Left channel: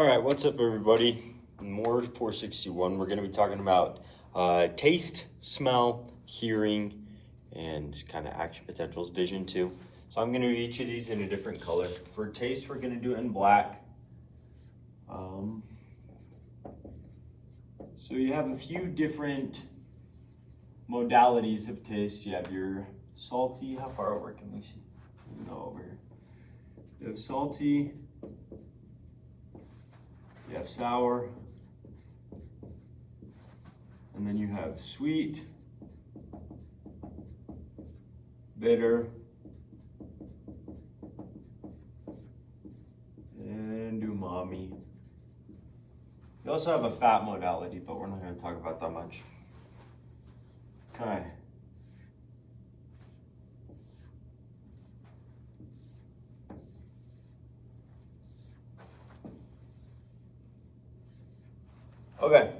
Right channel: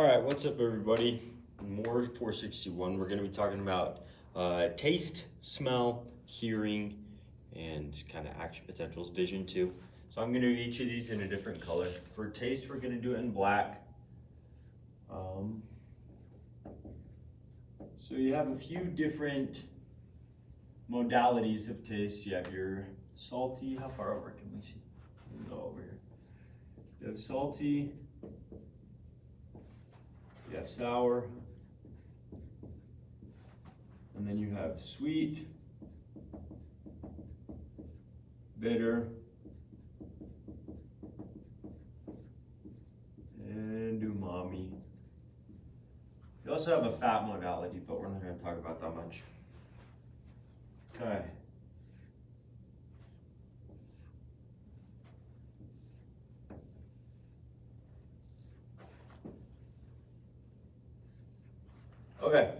All right, what's up, everybody? More 461. We're going to be talking about taste, smell, hearing, and kind of action potentials, vision too. So I'm going to do each of these in a different color. For taste, we're going to do it in black. So you have a few different modalities of taste. You have your salty. How far over can we see? Go over here. You have salty. You have sour, and then you have sweet, bitter, and umami. You also have a fat modality, but we're not going to talk about that much. Okay. Okay,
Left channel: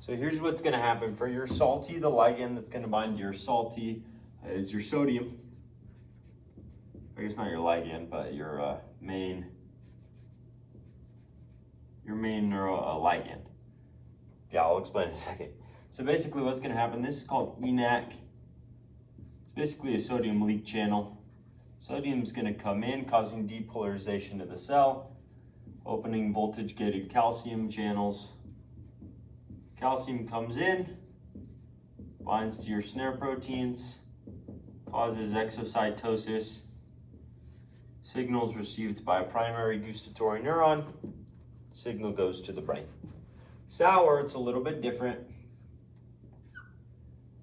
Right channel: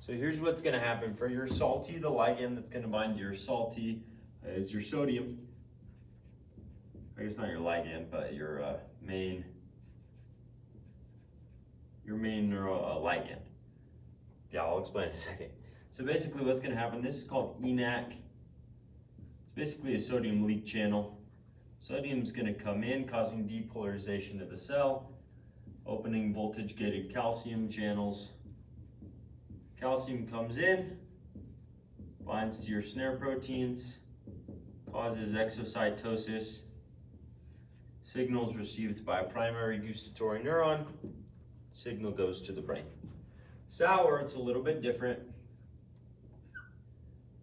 so here's what's going to happen. For your salty, the ligand that's going to bind to your salty is your sodium. I guess not your ligand, but your main ligand. Yeah, I'll explain in a second. So basically what's going to happen, this is called ENaC. It's basically a sodium leak channel. Sodium is going to come in, causing depolarization of the cell, opening voltage-gated calcium channels. Calcium comes in, binds to your snare proteins, causes exocytosis, signals received by a primary gustatory neuron, signal goes to the brain. Sour, it's a little bit different.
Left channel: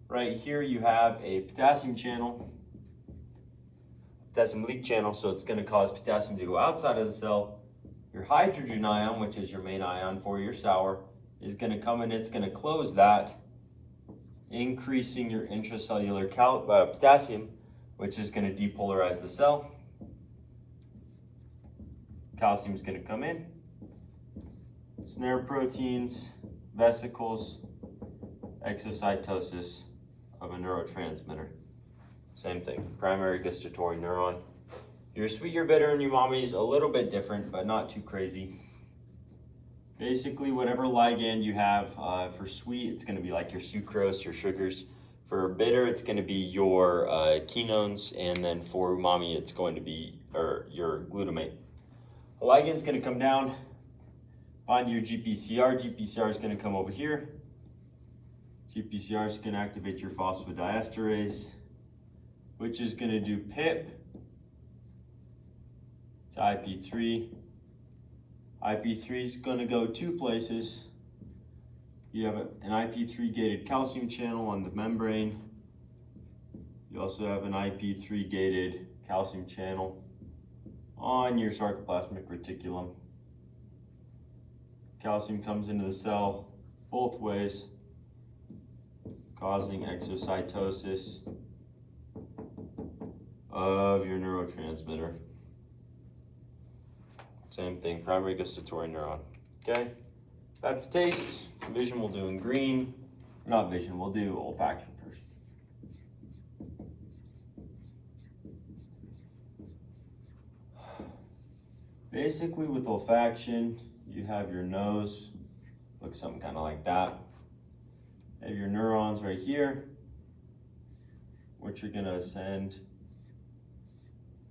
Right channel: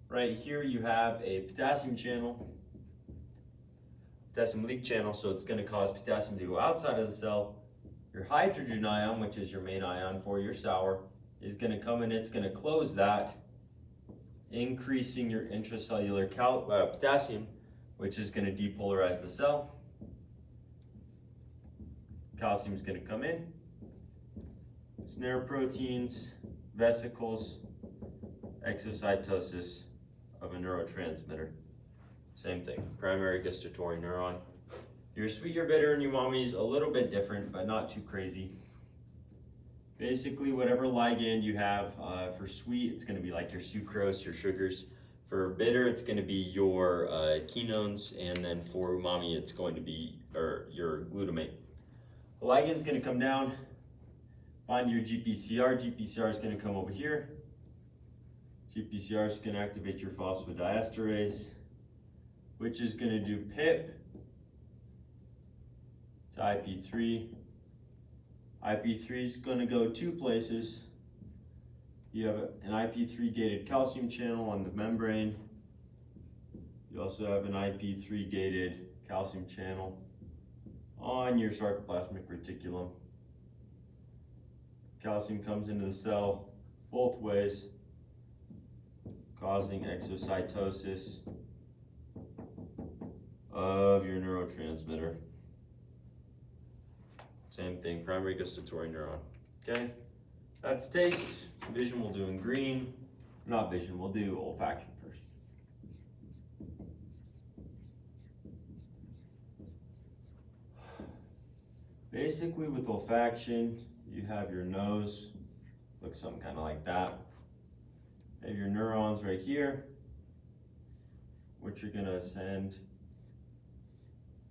Right here you have a potassium channel, potassium leak channel, so it's going to cause potassium to go outside of the cell. Your hydrogen ion, which is your main ion for your sour, is going to come in, it's going to close that, increasing your intracellular potassium, which is going to depolarize the cell. Calcium is going to come in, snare proteins, vesicles, exocytosis of a neurotransmitter. Same thing, primary gustatory neuron. Your sweet, your bitter, and umami is a little bit different, but not too crazy. Basically, whatever ligand you have, for sweet, it's going to be like your sucrose, your sugars. For bitter, it's going to be your quinones, and then for umami, it's going to be your glutamate. The ligand is going to come down, bind your GPCR. GPCR is going to come over here. GPCR is going to activate your phosphodiesterase, which is going to do PIP to IP3. IP3 is going to go two places. You have an IP3 gated calcium channel on the membrane. You also have an IP3 gated calcium channel on your sarcoplasmic reticulum. Calcium comes into the cell both ways, causing exocytosis of your neurotransmitter. Same thing, primary gustatory neuron. Okay, that's taste. Vision we'll do in green. Not vision, we'll do olfaction first. Basically with olfaction, you have your nose, looks something kind of like that. You have your neurons right here, which are gonna ascend,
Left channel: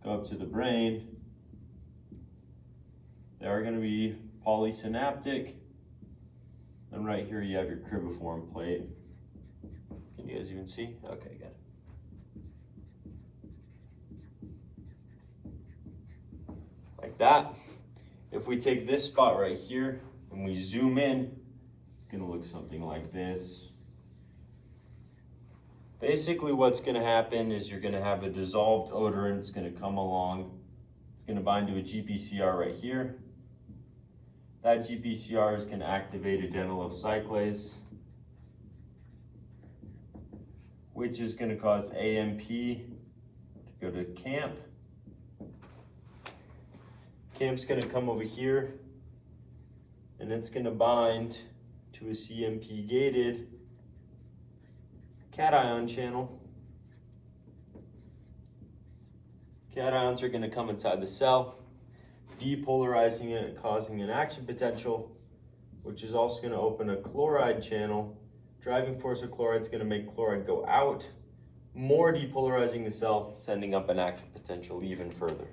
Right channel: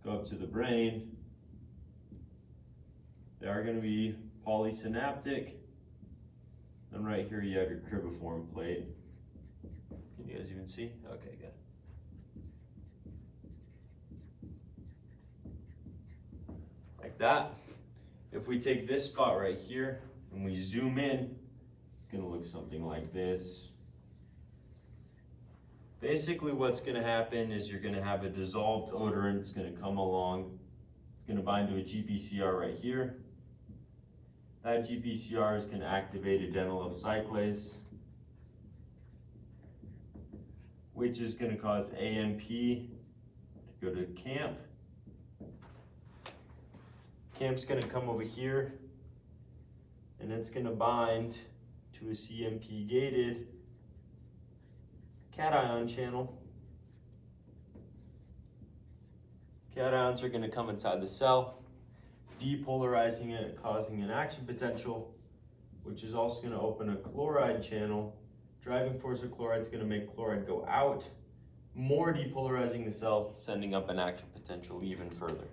go up to the brain. They are going to be polysynaptic. And right here you have your cribriform plate. Can you guys even see? Okay, good. Like that. If we take this spot right here and we zoom in, it's going to look something like this. Basically what's going to happen is you're going to have a dissolved odorant. It's going to come along. It's going to bind to a GPCR right here. That GPCR is going to activate adenylyl cyclase, which is going to cause AMP to go to CAMP. CAMP's going to come over here, and it's going to bind to a CMP-gated cation channel. Cations are going to come inside the cell, depolarizing it, causing an action potential, which is also going to open a chloride channel. Driving force of chloride is going to make chloride go out, more depolarizing the cell, sending up an action potential even further.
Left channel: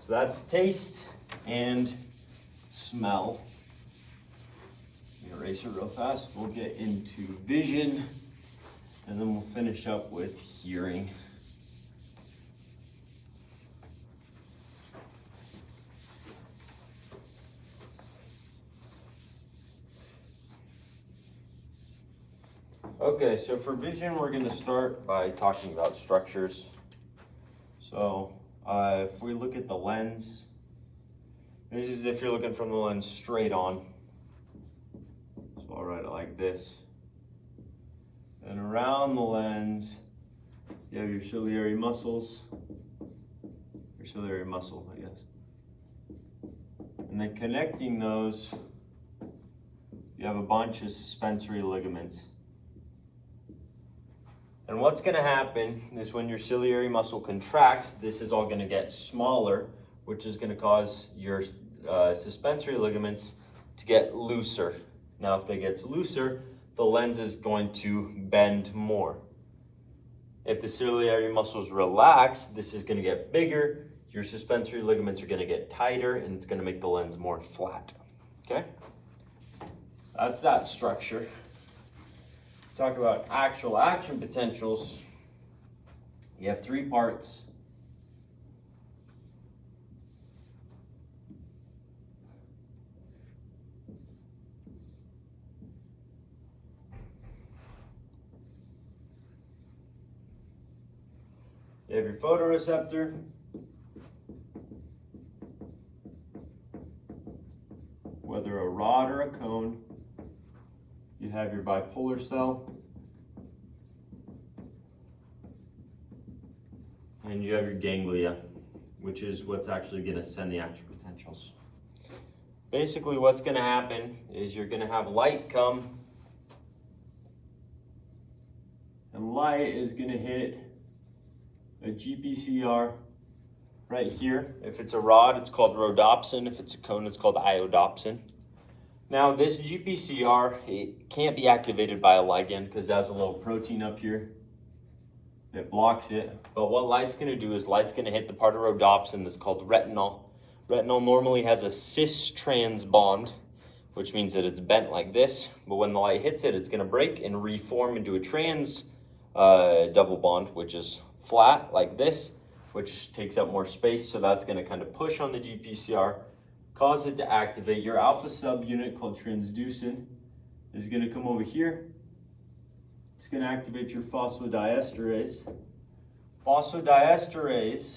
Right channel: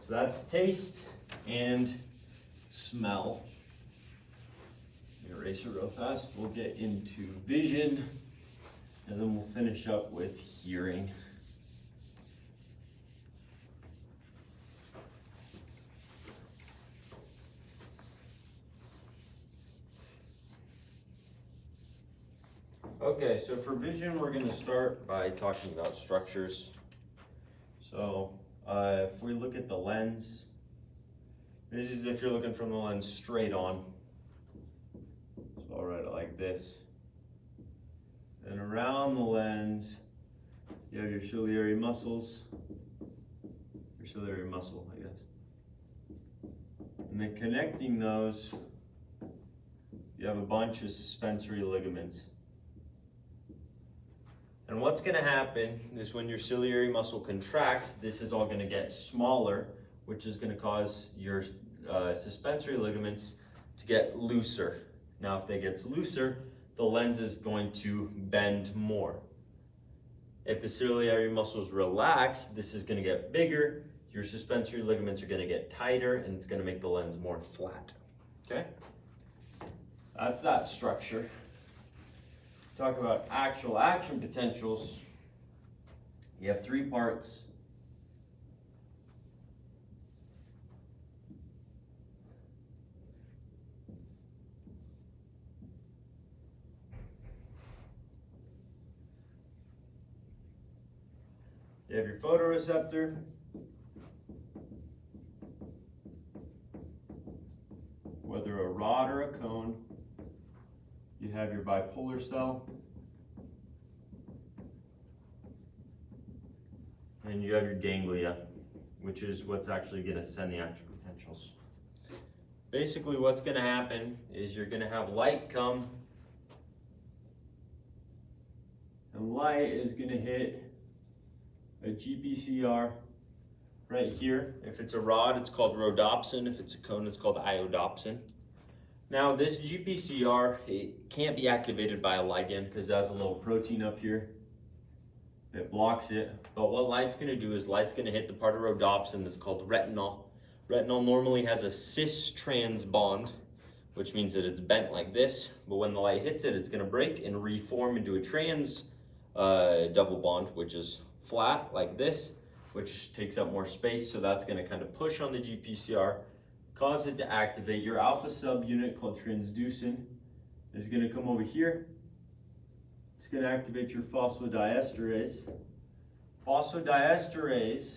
So that's taste and smell. Erase it real fast. We'll get into vision, and then we'll finish up with hearing. Okay, so for vision, we're going to start by talking about structures. So if we look at the lens, this is if you're looking from the lens straight on. So I'll write it like this. And around the lens, you have your ciliary muscles, your ciliary muscle, I guess. And then connecting those, you have a bunch of suspensory ligaments. And what's going to happen is when your ciliary muscle contracts, this is all going to get smaller, which is going to cause your suspensory ligaments to get looser. Now, if they get looser, the lens is going to bend more. If the ciliary muscles relax, this is going to get bigger. Your suspensory ligaments are going to get tighter, and it's going to make the lens more flat. Okay? That's that structure. Talk about actual action potentials. You have three parts. You have your photoreceptor, whether a rod or a cone. You have your bipolar cell, and you have your ganglia, which is what's actually going to send the action potentials. Basically, what's going to happen is you're going to have light come, and light is going to hit a GPCR right here. If it's a rod, it's called rhodopsin. If it's a cone, it's called iodopsin. Now, this GPCR, it can't be activated by a ligand because it has a little protein up here that blocks it. But what light's going to do is light's going to hit the part of rhodopsin that's called retinol. Retinol normally has a cis-trans bond, which means that it's bent like this. But when the light hits it, it's going to break and reform into a trans double bond, which is flat like this, which takes up more space. So that's going to kind of push on the GPCR, cause it to activate. Your alpha subunit called transducin is going to come over here. It's going to activate your phosphodiesterase. Phosphodiesterase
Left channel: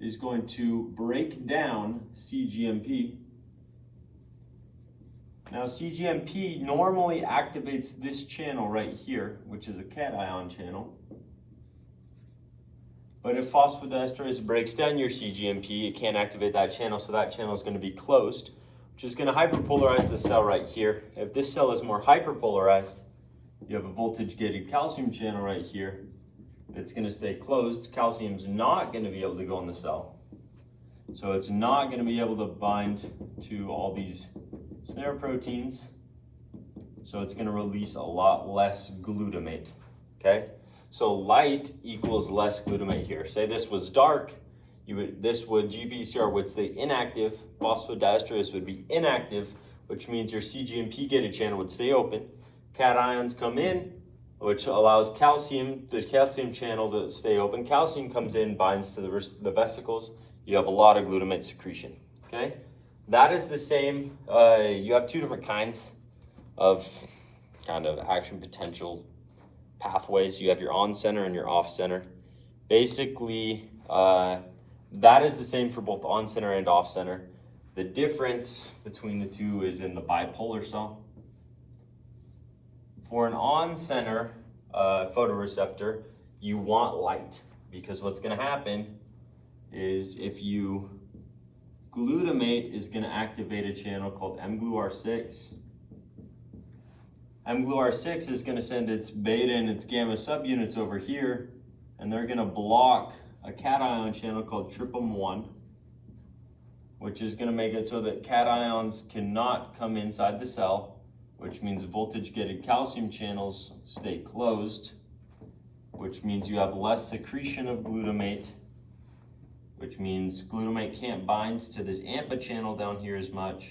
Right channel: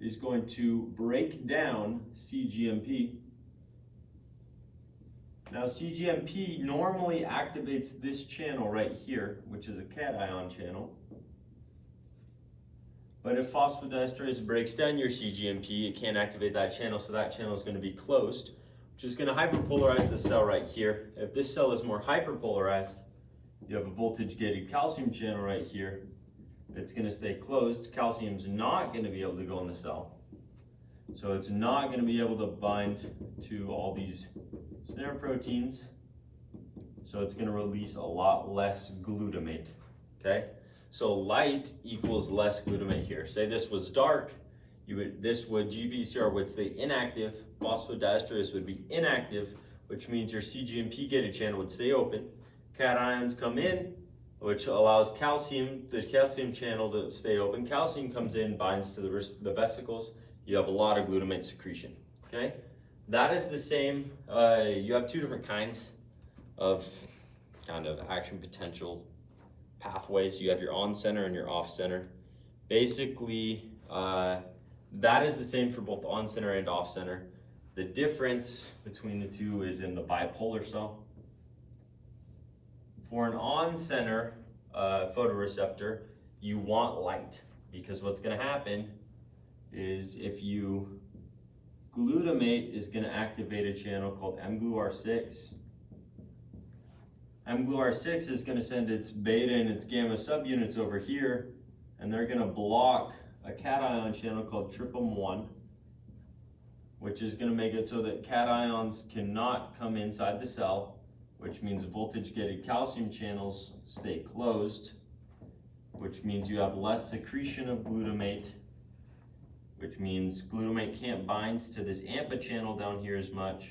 is going to break down cGMP. Now cGMP normally activates this channel right here, which is a cation channel. But if phosphodiesterase breaks down your cGMP, it can't activate that channel, so that channel is going to be closed, which is going to hyperpolarize the cell right here. If this cell is more hyperpolarized, you have a voltage-gated calcium channel right here. It's going to stay closed. Calcium's not going to be able to go in the cell. So it's not going to be able to bind to all these snare proteins. So it's going to release a lot less glutamate, okay? So light equals less glutamate here. Say this was dark, GPCR would stay inactive, phosphodiesterase would be inactive, which means your cGMP gated channel would stay open. Cations come in, which allows the calcium channel to stay open. Calcium comes in, binds to the vesicles. You have a lot of glutamate secretion, okay? That is the same, you have two different kinds of kind of action potential pathways. You have your on center and your off center. Basically, that is the same for both on center and off center. The difference between the two is in the bipolar cell. For an on center photoreceptor, you want light, because what's going to happen is if you glutamate is going to activate a channel called mGluR6. mGluR6 is going to send its beta and its gamma subunits over here, and they're going to block a cation channel called TRPM1. which is going to make it so that cations cannot come inside the cell, which means voltage-gated calcium channels stay closed, which means you have less secretion of glutamate, which means glutamate can't bind to this AMPA channel down here as much.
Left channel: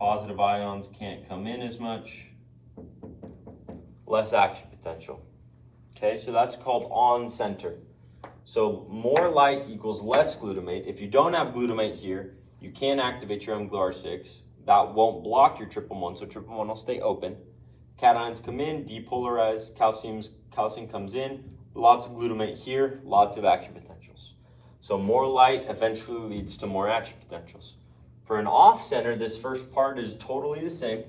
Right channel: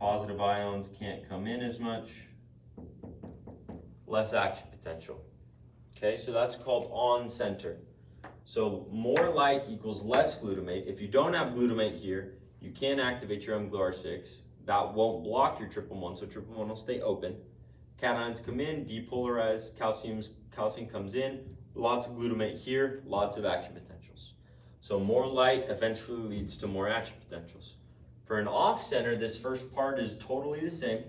Positive ions can't come in as much. Less action potential. Okay, so that's called on center. So more light equals less glutamate. If you don't have glutamate here, you can activate your mGluR6. That won't block your triple one, so triple one will stay open. Cations come in, depolarize, calcium comes in, lots of glutamate here, lots of action potentials. So more light eventually leads to more action potentials. For an off center, this first part is totally the same.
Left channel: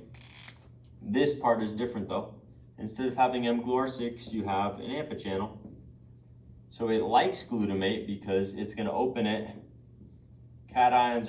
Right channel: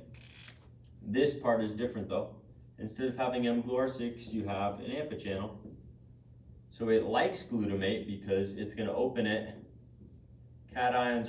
This part is different though. Instead of having mGluR6, you have an AMPA channel. So it likes glutamate because it's going to open it. Cations